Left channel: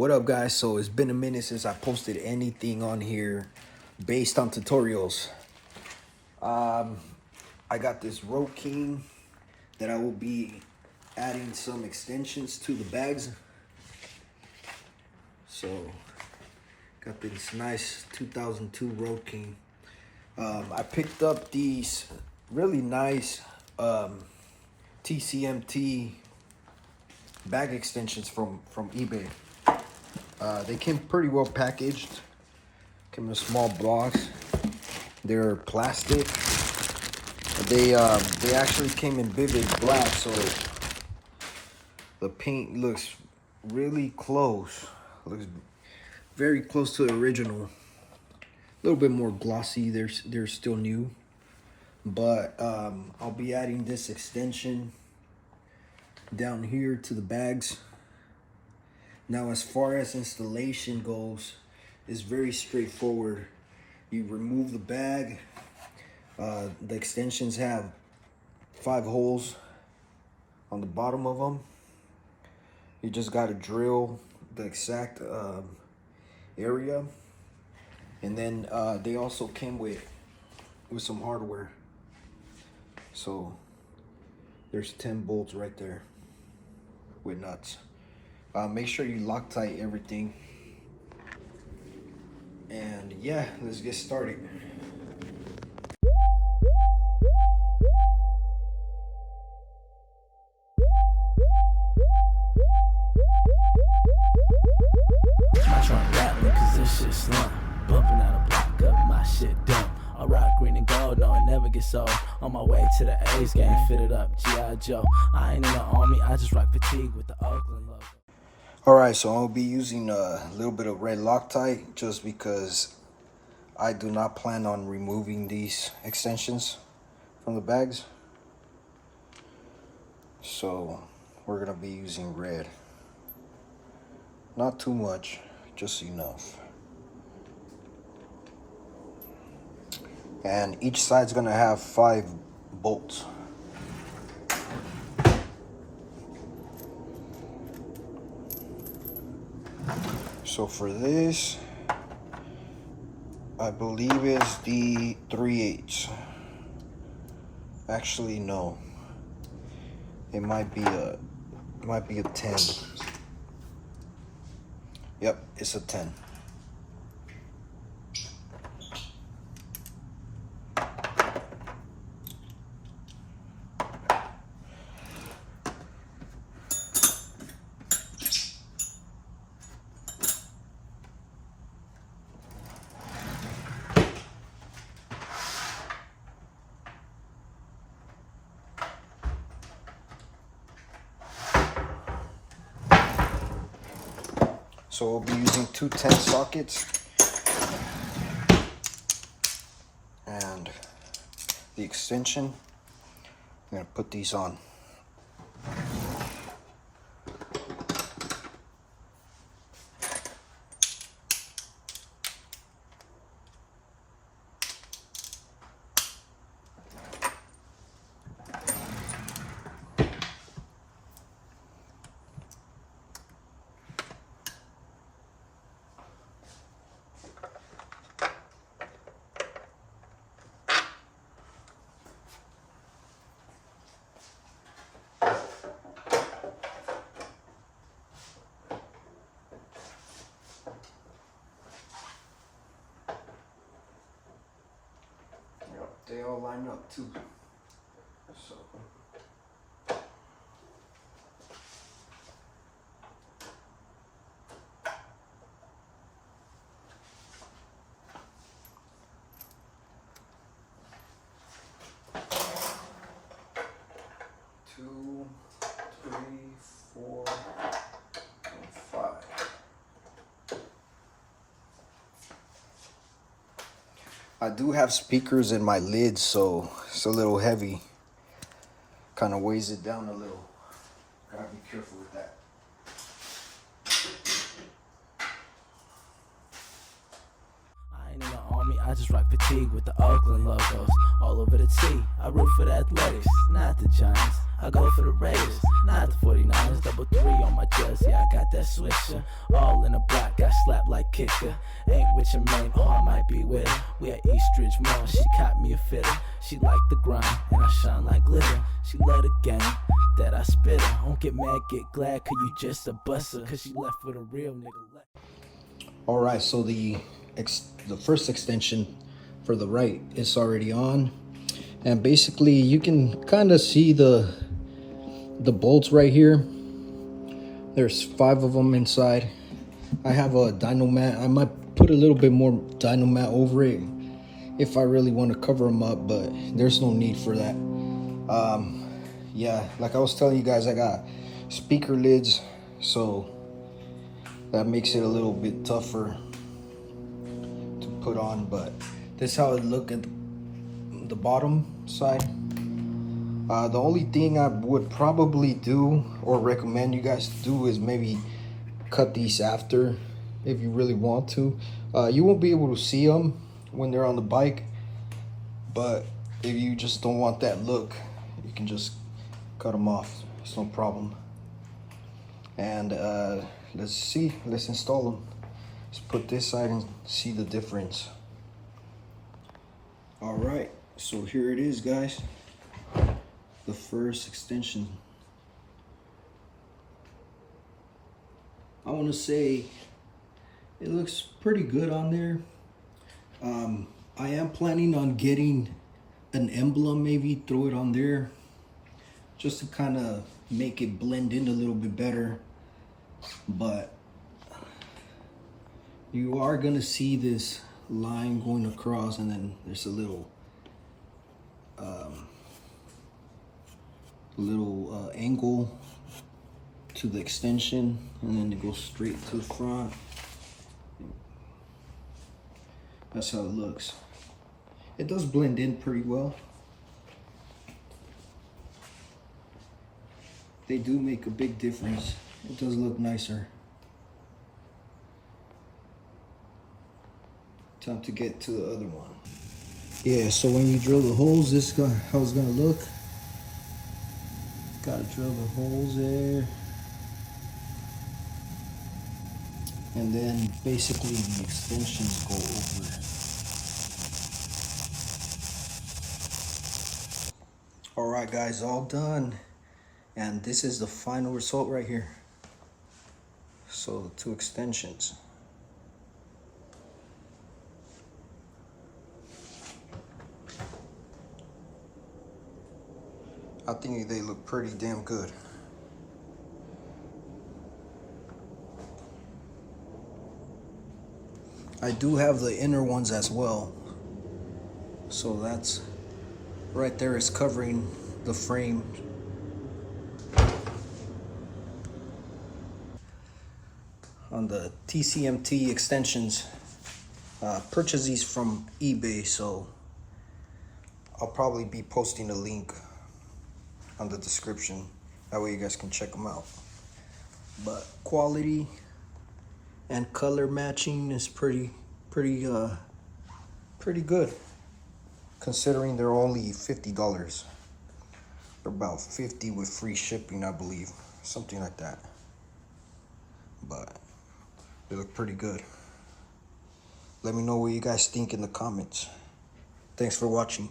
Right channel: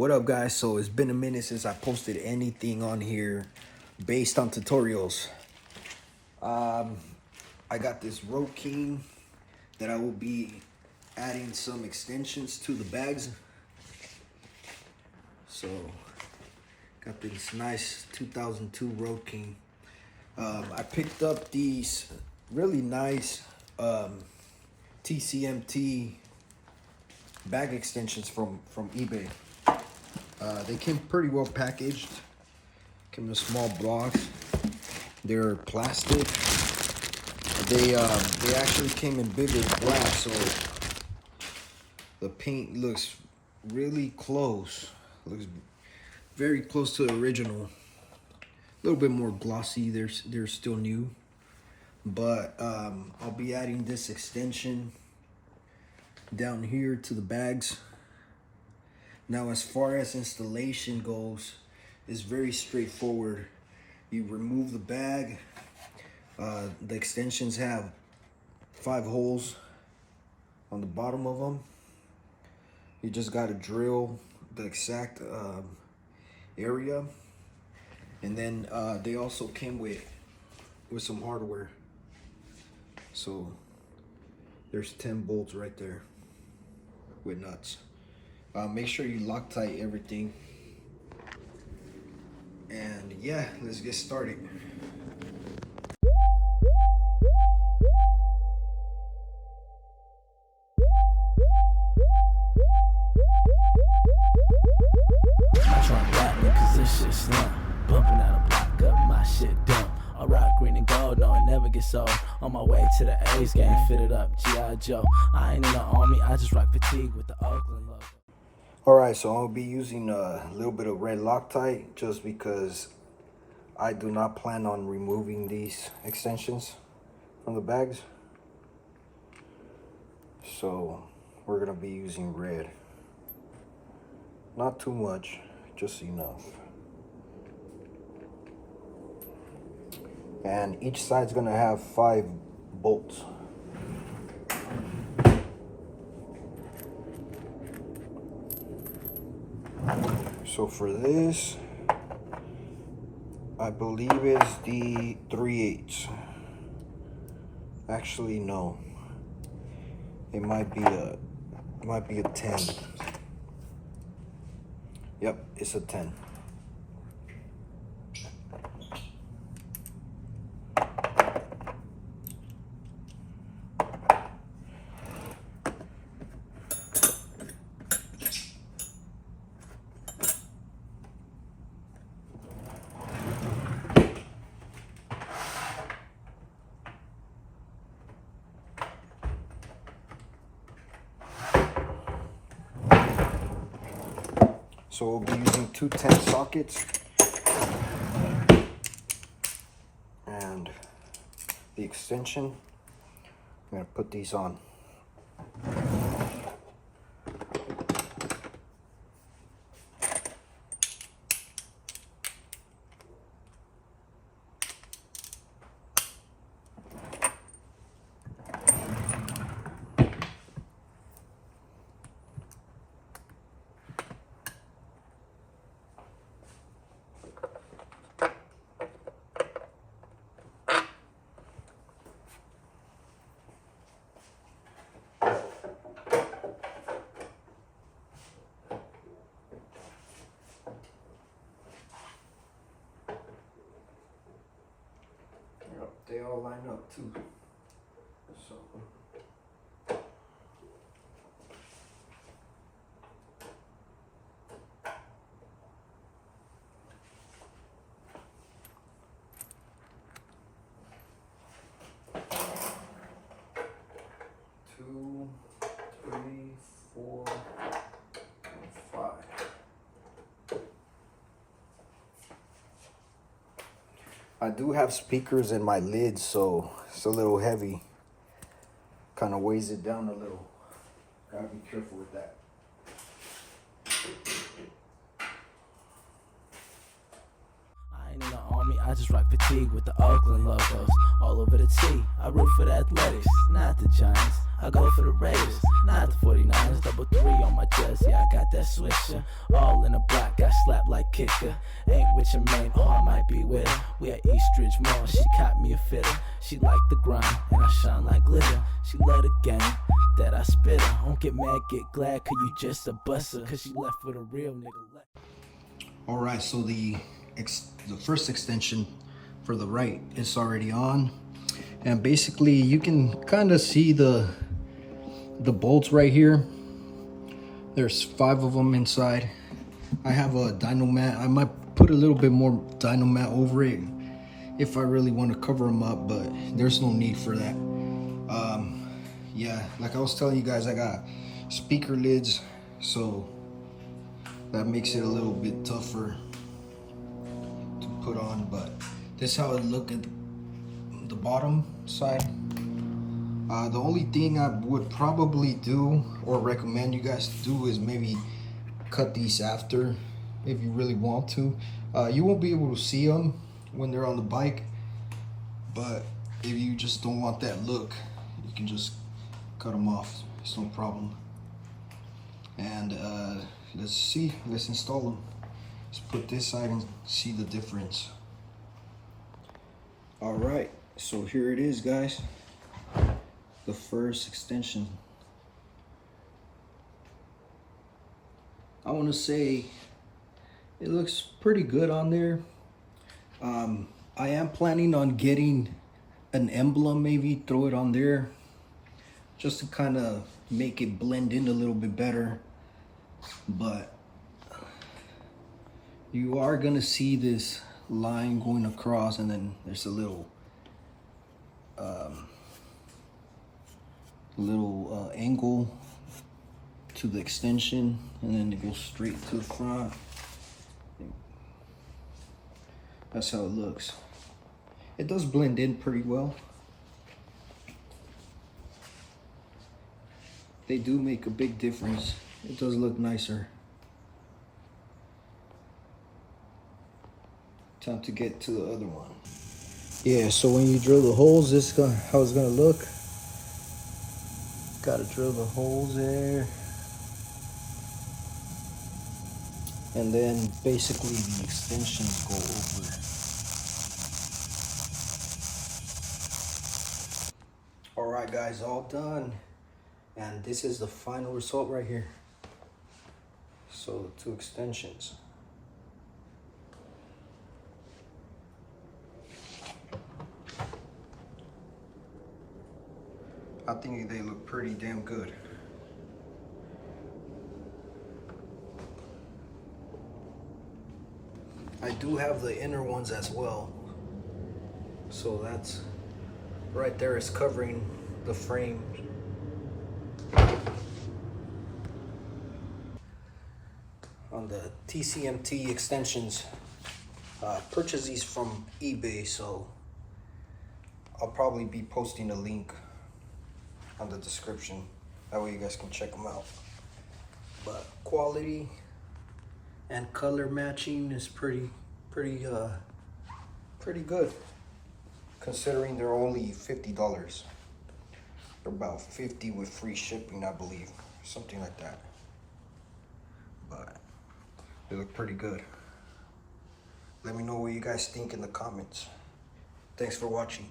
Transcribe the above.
What up, guys? So it's been a minute since I posted anything on here based on tutorials. I got this Road King that I will be adding some extensions to the bags. So got this nice 2002 Road King. I picked up these really nice TCMT bag extensions from eBay. They came pretty well packaged. Came in small blocks. They're plastic. They actually came in vivid black, so the paint looks really close. Looks very close to the original. A little bit more glossy. They're still new, but I'll be adding this extension down here to the bags. Now, as far as installation goes, it's very straightforward. You remove the bag. The extensions have 5 holes on the bottom of them. You just got to drill the exact area, and then they also came with some hardware. So there's 10 bolts right there with nuts. Make sure you Loctite everything. And yeah, let's get started. I'm trying to rap me cause this shit slump. Bumping out a block up, my shit dump. I rock green and gold, no it never gets old. On my way to the A's game, fitted up G.I. Joe. I ain't in the army, I just rock fatigue with the Oakland logo. Alright, so I'll be using a little bit of red Loctite just because I do not plan on removing these extensions from the bags. So we're gonna be using red. Not too much, just enough. And each side's gonna have 5 bolts. So for this, I believe it's the 3/8. Actually, no. It might be a 10. Yep, it's a 10. So we'll be using 2 10 sockets and the extension. I'm gonna put these on. They all line up too. So two, three, 4, and 5. I do have speakers in my lids, so it's a little heavy. Kind of weighs it down a little. Gotta be careful with that. I ain't in the army, I just rock fatigue with the Oakland logos. All over the T, I root for the Athletics, not the Giants. I go for the Raiders, not the 49ers. Double 3 on my jersey, I got that swisher. All in the block, got slapped like kicker. Ain't with your main, oh I might be with her. We at Eastridge Mall, she caught me a fitter. She like the grind, and I shine like glitter. She love the game, that I spit her. Don't get mad, get glad, cause you just a busser. Cause she left with a real nigga. Alright, so the first extension for the right is already on. And basically you can kind of see the bolts right here. There's 5 of them inside. I have a dyno mat. I might put a little bit more dyno mat over it if I really want to cover them up, but there's no need for that. Yeah, like I was telling you guys, I got speaker lids, so that makes it a little bit tougher to put on, but this is how it look at the bottom side. The only thing I would probably do or recommend you guys do is maybe cut these after if you really want to. You won't be able to see them when they're on the bike, but if you just don't want that look, you can just cut them off. It's no problem. And let's install them. Let's put this side and see the difference. All right, so here it is, guys. The first extension. I want to say it looks pretty good on there. I am planning on getting an emblem, maybe throw it on there just to kind of make it blend in a little bit better. But you are gonna see this line going across, and then there's a little angle to the extension, and then it goes straight to the front. That's how it looks. It does blend in pretty well. They do make a big difference. It does look nicer. Time to get to the other one. Yeah, so when you drill the holes, this is how it's gonna look. Gotta drill the holes there. And then basically the extensions go over. Alright guys, all done. And this is the final result right here. So the 2 extensions. I think they look pretty damn good. I do have the inner ones as well. So that's right there is covering the frame. On the TCMT extensions, purchase these from eBay, so I'll probably be posting a link on the description. That way you guys can check them out. But quality and color matching is pretty good, considering they're only $50. They're about $50 with free shipping, I believe, something like that. But they look pretty good. Let me know what you guys think in the comments. Thanks for watching.